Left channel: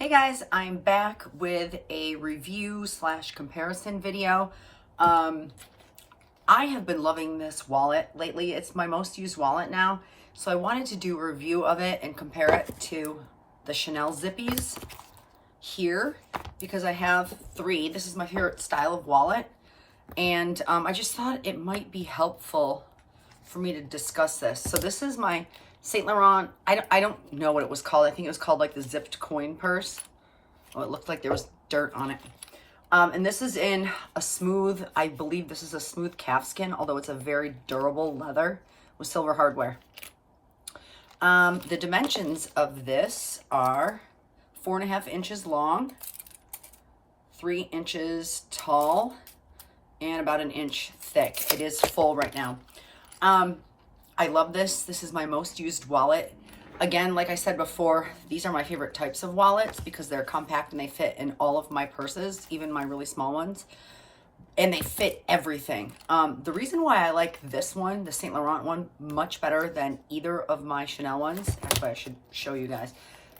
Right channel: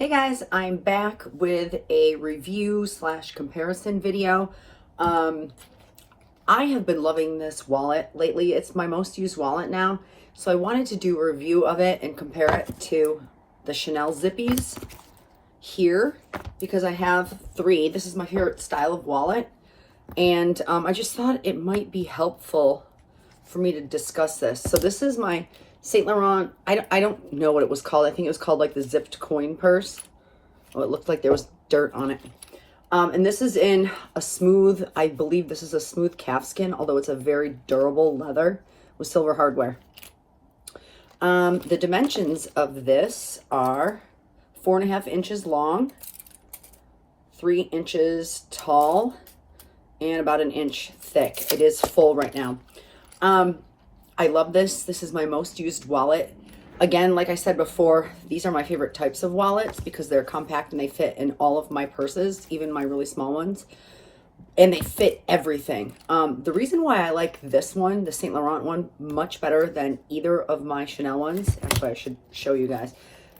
Hey guys, I'm back with a review slash comparison video. I have been loving this wallet lately. It's my most used wallet now. So I wanted to do a review of it and compare it to the Chanel Zippies here because I have three. This is my favorite style of wallet. And I just thought it might be helpful for me to discuss this. So this is my Saint Laurent. I don't know what it was called. I think it was called like the zipped coin purse. Oh, it looked like there was dirt on it. And this is in a smooth, I believe this is a smooth calfskin, although it's a very durable leather with silver hardware. The dimensions of this are 4.5 inches long, 3 inches tall, and about 1 inch thick. It is full right now. I love this. This is my most used wallet. Again, like I said before, these are my favorite types of wallets because they're compact and they fit in all of my purses, even my really small ones. And they fit everything. The reason why I like this one, the Saint Laurent one, much better than either of my Chanel ones. Actually, I should show you guys.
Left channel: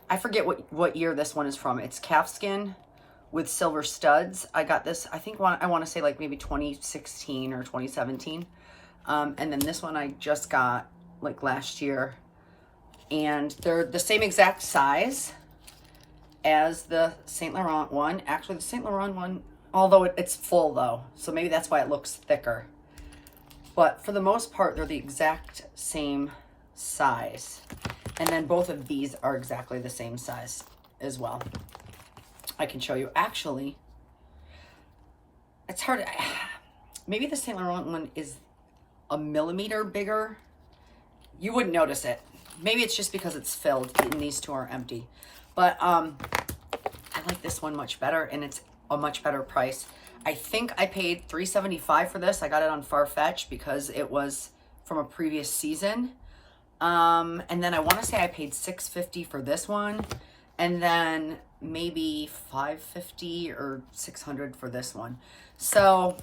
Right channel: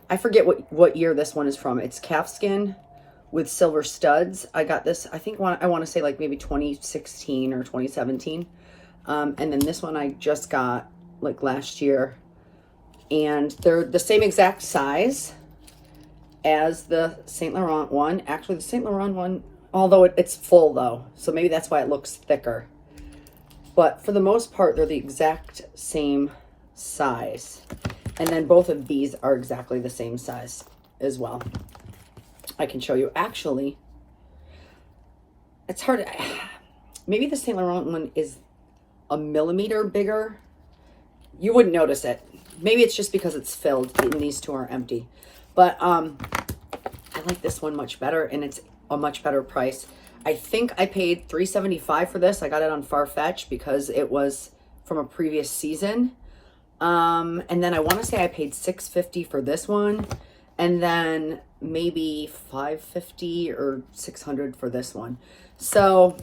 I forget what year this one is from. It's calfskin with silver studs. I got this, I think I want to say like maybe 2016 or 2017. And then this one I just got like last year. And they're the same exact size as the Saint Laurent one. Actually, the Saint Laurent one, although it's full though, so maybe that's why it looks thicker. But for the most part, they're the exact same size. And then both of these are exactly the same size as well. I can show you. Actually, it's hard. Maybe the Saint Laurent one is a millimeter bigger. You wouldn't notice it. Maybe it's just because it's filled and these two are empty. But I like this one much better, and it's a much better price. I think I paid $3.75 for this. I got it on Farfetch because it was from a previous season. And then I want to say I paid $6.50 for this one, and then maybe $5.50 or $600 for this one. So,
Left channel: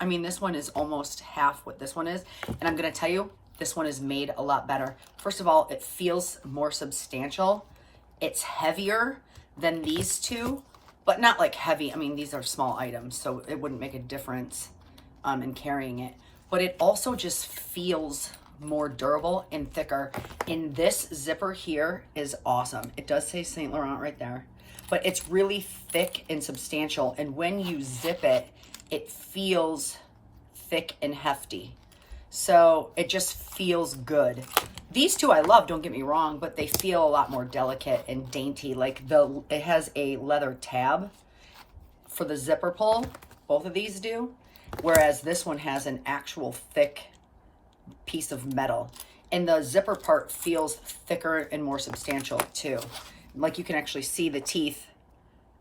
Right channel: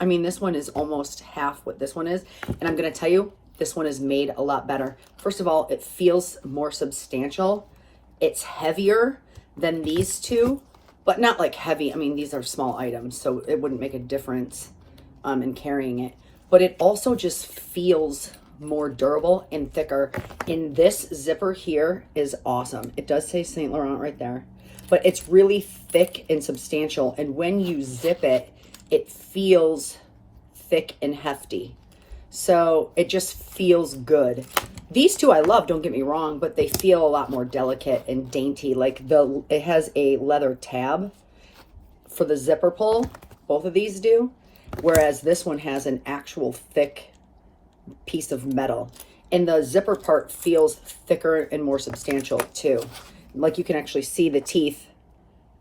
I mean, this one is almost half what this one is. And I'm going to tell you, this one is made a lot better. First of all, it feels more substantial. It's heavier than these two, but not like heavy. I mean, these are small items, so it wouldn't make a difference in carrying it. But it also just feels more durable and thicker. And this zipper here is awesome. It does say Saint Laurent right there, but it's really thick and substantial. And when you zip it, it feels thick and hefty. So it just feels good. These two I love, don't get me wrong, but they feel a lot more delicate and dainty. Like it has a leather tab for the zipper pull. Both of these do. Whereas this one has an actual thick piece of metal. And the zipper part feels thicker and more substantial too. Like you can actually see the teeth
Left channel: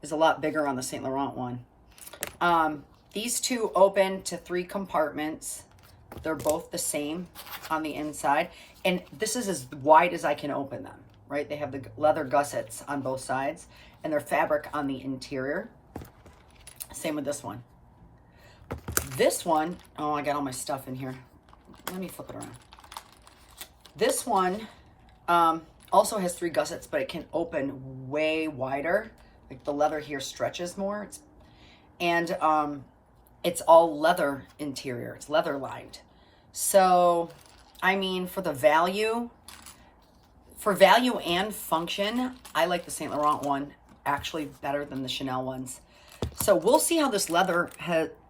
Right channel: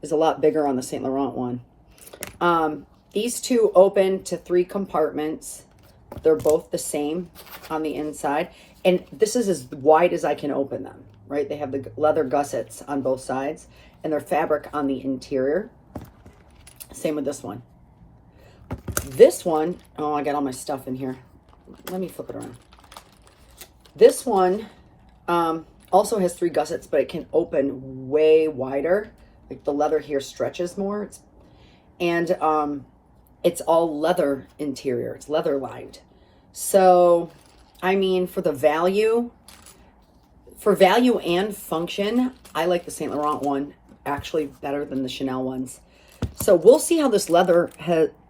is a lot bigger on the Saint Laurent one. These two open to 3 compartments. They're both the same on the inside. And this is as wide as I can open them, right? They have the leather gussets on both sides and they're fabric on the interior. Same with this one. This one, oh, I got all my stuff in here. Let me flip it around. This one also has 3 gussets, but it can open way wider. Like the leather here stretches more. It's all leather interior. It's leather lined. So, I mean, for value and function, I like the Saint Laurent one actually better than the Chanel ones. So we'll see how this leather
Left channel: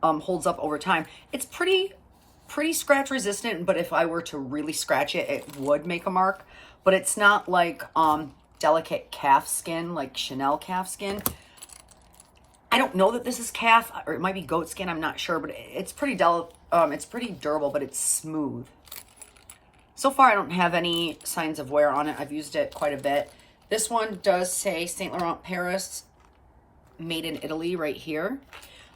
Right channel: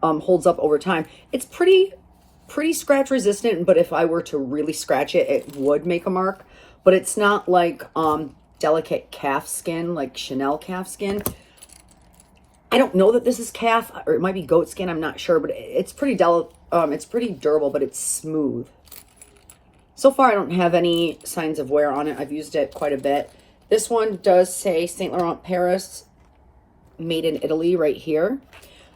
holds up over time. It's pretty scratch resistant, but if I were to really scratch it, it would make a mark. But it's not like delicate calf skin, like Chanel calf skin. I don't know that this is calf, or it might be goat skin, I'm not sure, but it's pretty durable, but it's smooth. So far, I don't have any signs of wear on it. I've used it quite a bit. This one does say Saint Laurent Paris, made in Italy right here.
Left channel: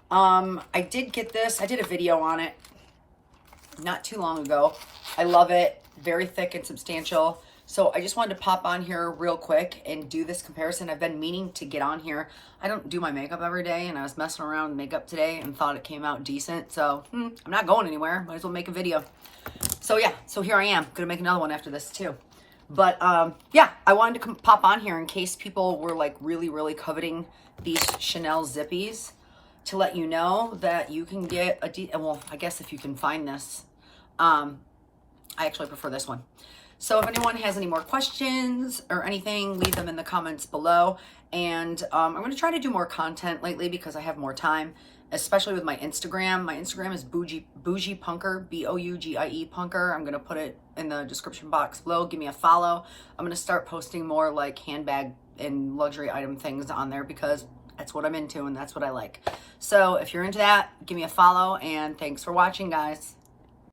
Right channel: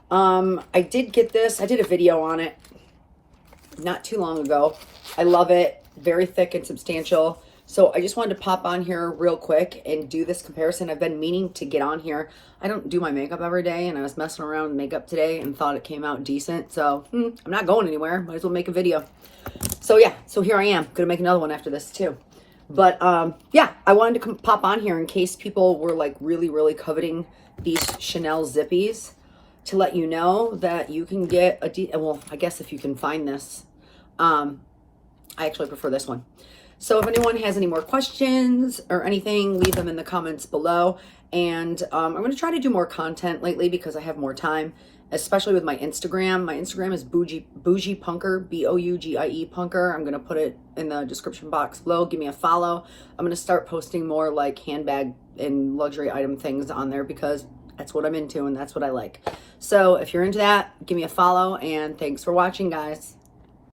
I did get this. I did a video on it not too long ago. I love it. Very thick and substantial. So I just wanted to pop on here real quick and do this comparison. I've been meaning to get on here. I don't do my makeup every day, and I was messing around with makeup today and thought it came out decent. So I'm not going anywhere. Might as well make a video. So yeah, so here I am. Gonna make another one after this too. But yeah, I wanted to pop on here in case people were like really coveting these Chanel Zippies, to let you know that you can get a well, I guess if you can find this. I actually prefer this one. So if anyone has any more questions or anything, leave them in the comments below. And I'm going to try to do more content lately because I have more time, especially with my Instagram. My Instagram is Bougie Punker, Bougie Punker. I'm going to put it in the description box below. Give me a follow. I'm going to start posting more like handbag and luxury item things on there because that's what I'm into and that's what I like. So if you're into that, give me a follow, and thanks for watching, guys.